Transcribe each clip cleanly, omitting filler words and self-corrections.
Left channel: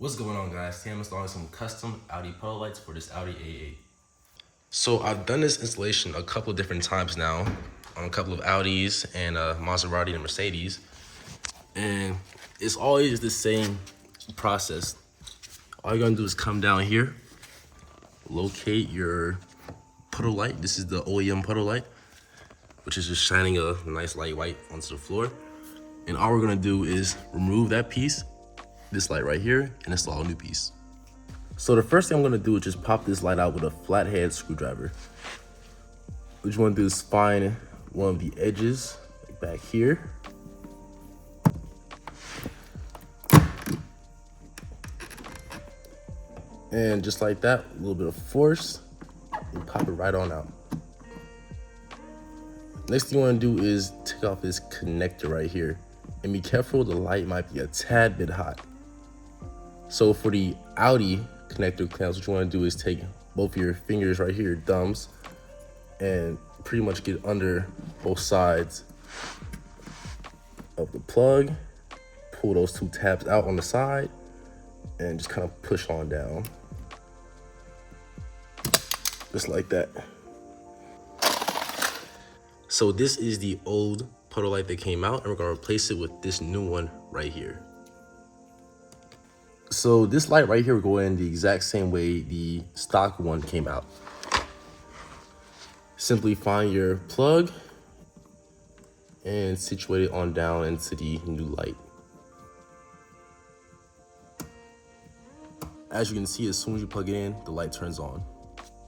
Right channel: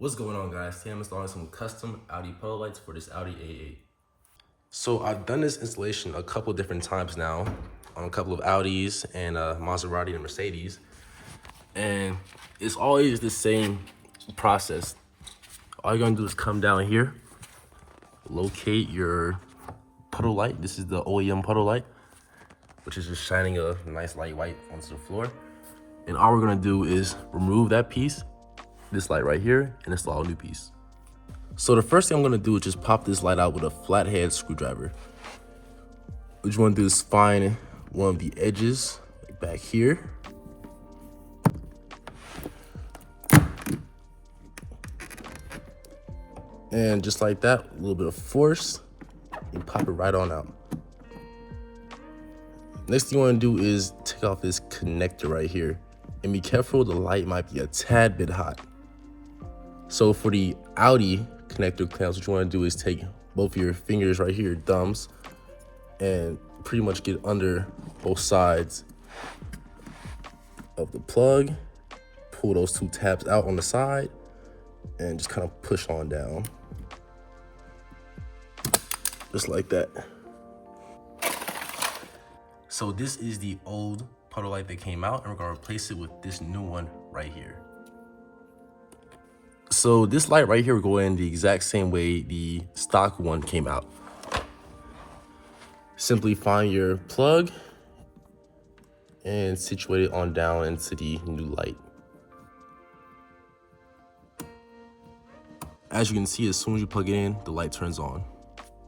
What's going on, guys? Today I'm installing some custom Audi Puddle lights for this Audi A8. So I've done this installation a couple different times now on a couple of Audis and Maserati and Mercedes. And it's always the same process. All you're gonna do is come down here, locate your puddle light. This is the OEM puddle light, which is just shining a nice light white onto the floor. And all we're gonna do is remove that piece, this light right here, and install a new piece. So the first thing I'm gonna do is just pop this light out with a flathead screwdriver. What you wanna do is find one of the edges back here. And just like that, a little bit of force, and pop it right on out. Next thing you wanna do is take off this connector right here. And be careful, the light might be a tad bit hot. So for the Audi connector clamps, what you wanna do is take both of your fingers right here, thumbs, and pretty much get under both sides of the plug. Pull those two tabs out on the side and just kind of push on down. Just like that. So this is the old puddle light that came out, and we're gonna replace it with this new one right here. So this light right here will go in the exact same way the stock one came out. Simply find your plug and situate it on down into the new light. As you can see, as soon as you plug it in, the light turns on.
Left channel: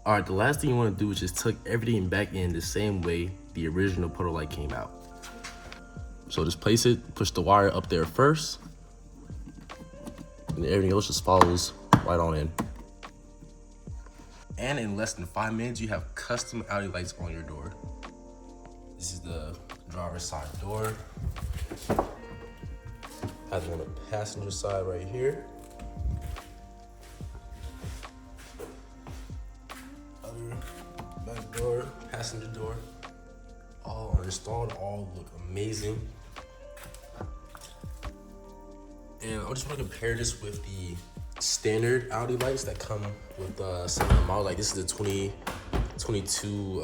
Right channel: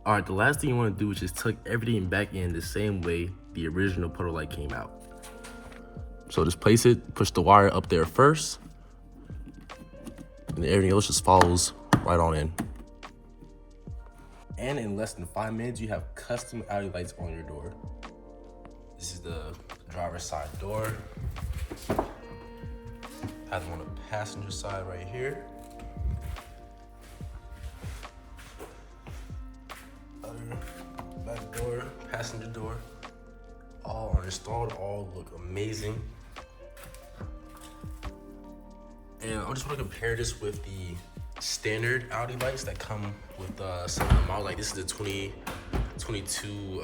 All right, the last thing you wanna do is just tuck everything back in the same way the original puddle light came out. So just place it, push the wire up there first, and everything else just follows right on in. And in less than 5 minutes, you have custom Audi lights on your door. This is the driver's side door. Has one on the passenger side right here. Back door, passenger door. All are installed, all look amazing. And I just want to compare this with the standard Audi lights that come with some of the models. Like this is the 2022,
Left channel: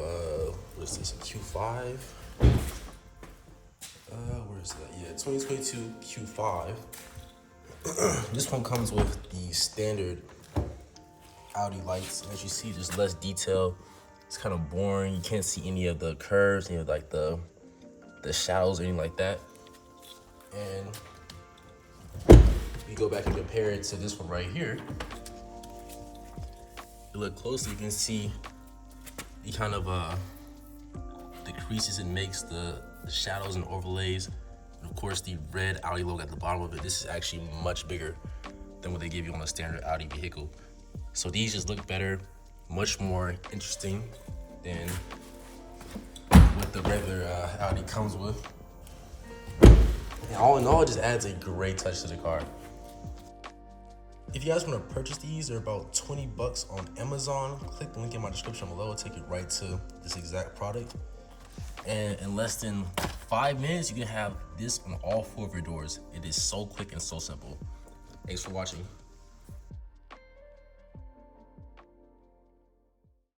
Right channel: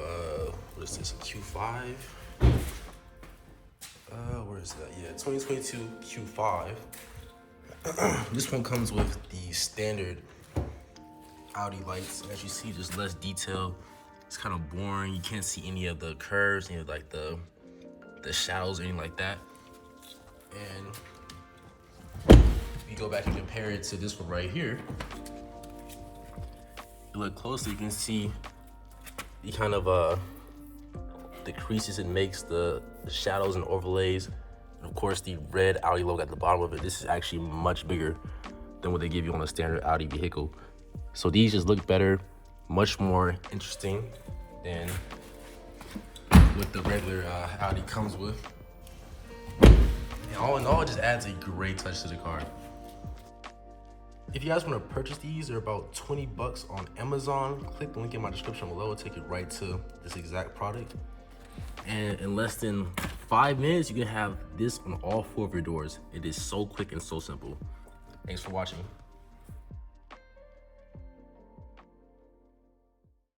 what is this, Q5? Where is that? Yeah, 2022 Q5. This one comes with the standard Audi lights. As you see, there's less detail. It's kind of boring. You can't see any of the curves, any of like the shadows or anything like that. And you go back and compare it to this one right here. You look closely, you can see the kind of the creases it makes, the shadows and overlays, and of course the red Audi logo at the bottom of it. This is actually much bigger than what they give you on a standard Audi vehicle. So these just look better, much more interesting than what the regular Audi comes with. And all in all, it just adds a great touch to the car. If you guys want to purchase these, they're about 20 bucks on Amazon. Click the link in my description below, it'll take you right to this exact product. And in less than 5 minutes, you can have this on all 4 of your doors. It is so quick and so simple. Thanks for watching.